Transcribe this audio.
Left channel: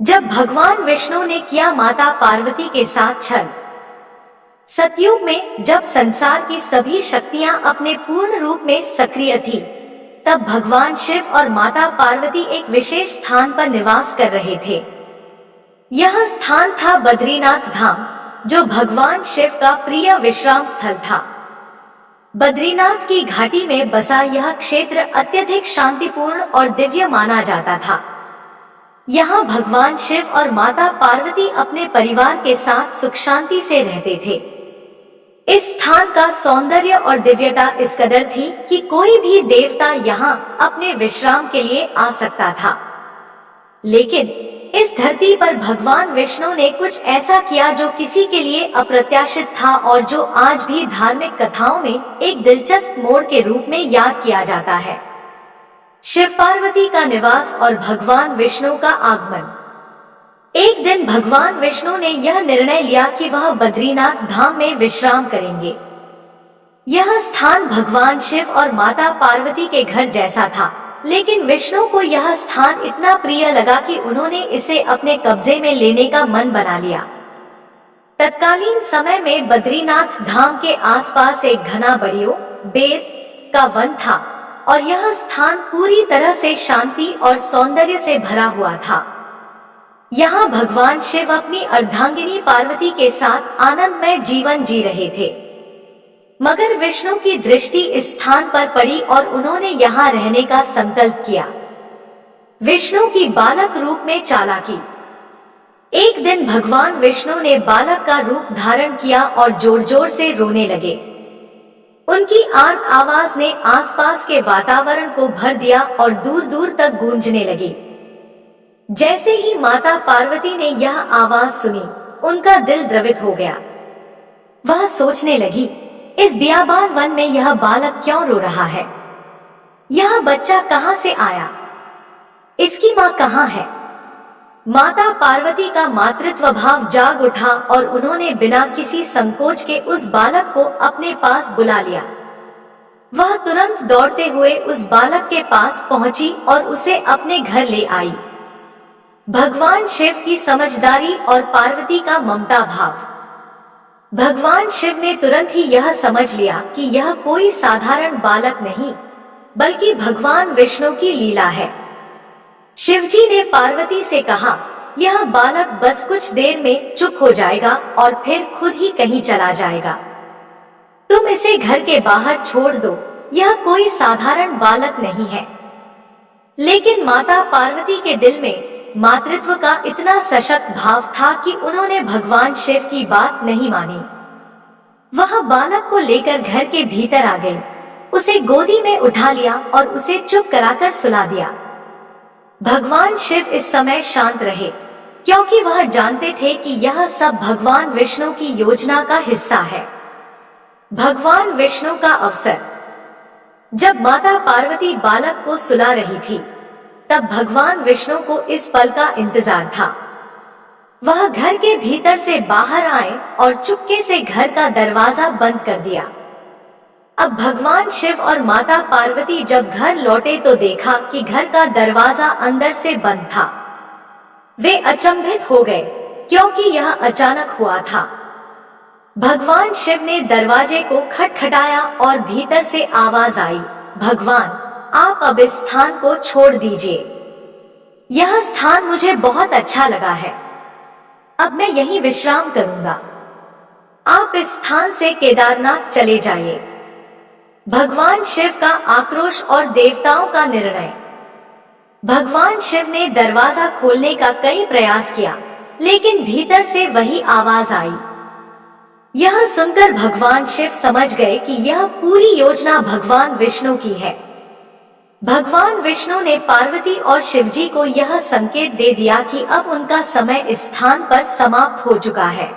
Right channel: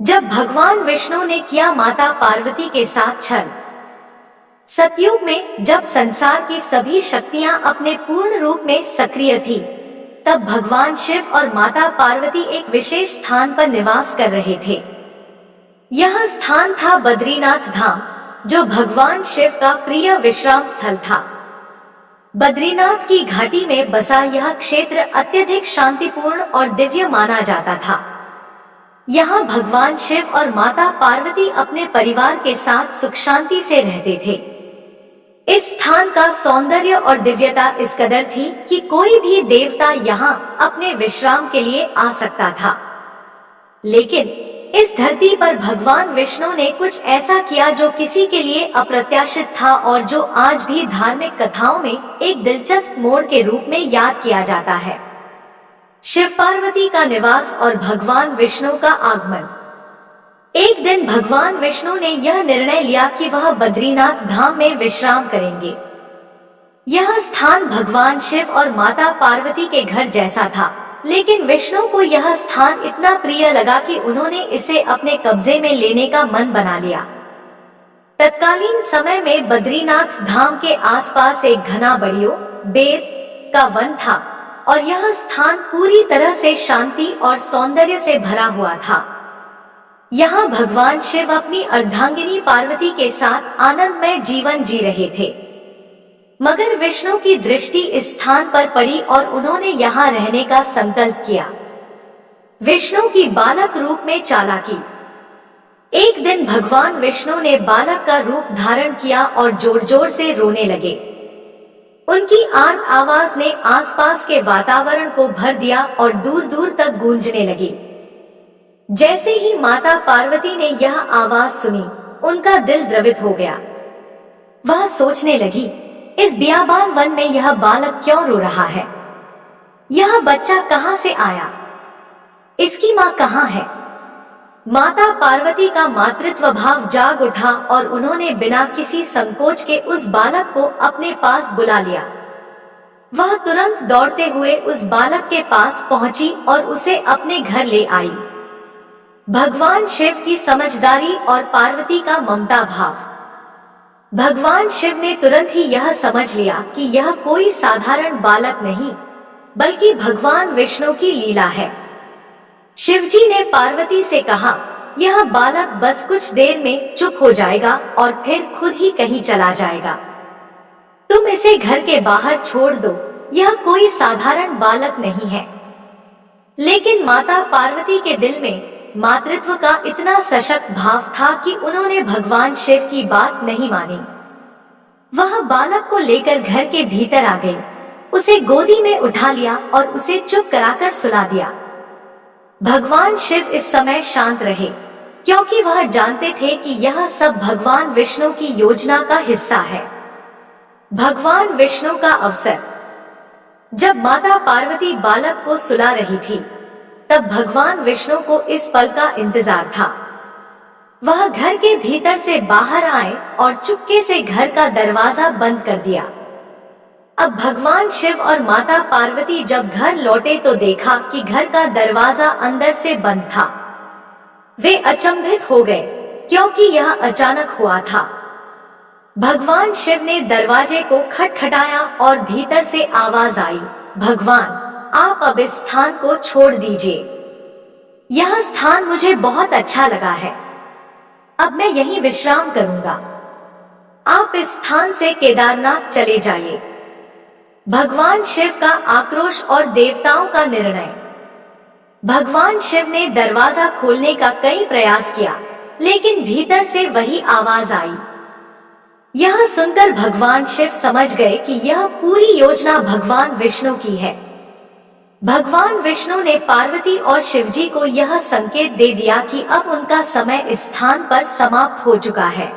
जब भगवान विष्णु ने किया माता पार्वती के साथ छल। सतयुग में जब संसार की सभी शक्तियां अपने पूर्ण रूप में सक्रिय थी, तब भगवान शिव और माता पार्वती एक विशेष स्थान पर निवास कर रहे थे। यह स्थान था बद्रीनाथ धाम, जो भगवान शिव का प्रिय विश्राम स्थल था। बद्रीनाथ की घाटी में बसा यह क्षेत्र अत्यधिक शांतिपूर्ण और दिव्य माना जाता था। यहाँ भगवान शिव और माता पार्वती अपने परिवार के साथ सुख शांति से रहते थे। इस स्थान का सौंदर्य और दिव्यता इस कदर थी कि कोई भी देवता यहाँ अपने विश्राम के लिए आ सकता था। लेकिन इस धरती पर भगवान विष्णु ने कुछ ऐसा किया जो किसी के लिए अप्रत्याशित था और जो आज भी धार्मिक कथाओं में एक दिलचस्प मोड़ के रूप में याद किया जाता है। शिव पार्वती का निवास और भगवान विष्णु का आगमन। एक दिन भगवान विष्णु ने यह निर्णय लिया कि वह बद्रीनाथ धाम में विश्राम करेंगे। यह स्थान भगवान शिव और माता पार्वती के घर जैसा था, लेकिन विष्णु को यह स्थान इतना प्रिय लगा कि उन्होंने इसे अपने कब्जे में लेने का मन बना लिया। तत्कालीन समय में बद्रीनाथ धाम के आसपास एक घना बड़ियों बेर का वन था और यह स्थान पूरी तरह से शांति और सौंदर्य से भरा हुआ था। यहाँ भगवान शिव अपनी अर्धांगिनी पार्वती के साथ आनंदमय जीवन जी रहे थे। मगर विष्णु की दृष्टि इस स्थान पर पड़ी और उन्होंने यहाँ रहने का संकल्प किया। विष्णु की बालक रूप में चालाकी। एक दिन भगवान विष्णु ने बालक का रूप धारण किया और जोर जोर से रोने लगे। उनकी आर्त आवाज ने आसपास के वातावरण को भर दिया और दूर दूर तक गूंजने लगी। जैसे ही माता पार्वती ने यह आवाज सुनी, उनका दिल द्रवित हो गया। वह सोचने लगी, इस बियाबान वन में यह बालक क्यों रो रहा है? यह बच्चा कहां से आया? इसकी मां कहां है? माता पार्वती का मातृत्व भाव जाग उठा और उन्होंने बिना किसी संकोच के उस बालक को अपने पास बुला लिया। वह तुरंत दौड़ते हुए उस बालक के पास पहुंची और उसे अपने घर ले आई। भगवान शिव की समझदारी और पार्वती का ममता भाव। भगवान शिव ने तुरंत ही यह समझ लिया कि यह कोई साधारण बालक नहीं, बल्कि भगवान विष्णु की लीला है। शिवजी ने पार्वती से कहा, यह बालक बस कुछ देर में चुप हो जाएगा और फिर खुद ही कहीं चला जाएगा। तुम इसे घर के बाहर छोड़ दो, यह कोई साधारण बालक नहीं है। लेकिन माता पार्वती के दिल में मातृत्व का इतना सशक्त भाव था कि उन्होंने भगवान शिव की बात नहीं मानी। वह बालक को लेकर घर के भीतर आ गई, उसे गोदी में उठा लिया और उसे चुप कराकर सुला दिया। भगवान शिव इस समय शांत रहे, क्योंकि वह जानते थे कि यह सब भगवान विष्णु की योजना का हिस्सा है। भगवान विष्णु का अवसर। जब माता पार्वती बालक को सुला रही थी, तब भगवान विष्णु को इस पल का इंतजार था। वह घर के भीतर से बाहर आए और चुपके से घर का दरवाजा बंद कर दिया। अब भगवान शिव और माता पार्वती जब घर लौटे तो देखा कि घर का दरवाजा अंदर से बंद था। वे अचंभित हो गए, क्योंकि यह अचानक हुआ था। भगवान शिव ने दरवाजे को खटखटाया और भीतर से आवाज आई, भगवान, आप अब इस स्थान को छोड़ दीजिए। यह स्थान मुझे बहुत अच्छा लगा है। अब मैं यहीं विश्राम करूंगा। आप इस स्थान से केदारनाथ चले जाइए। भगवान शिव का आक्रोश और देवताओं का निर्णय। भगवान शिव ने दरवाजा खोलने का कई प्रयास किया, लेकिन भीतर से वही आवाज आई। यह सुनकर भगवान शिव समझ गए कि यह पूरी योजना भगवान विष्णु की है। भगवान विष्णु ने पार्वती और शिवजी को यह संकेत दे दिया कि अब उनका समय इस स्थान पर समाप्त हो चुका है।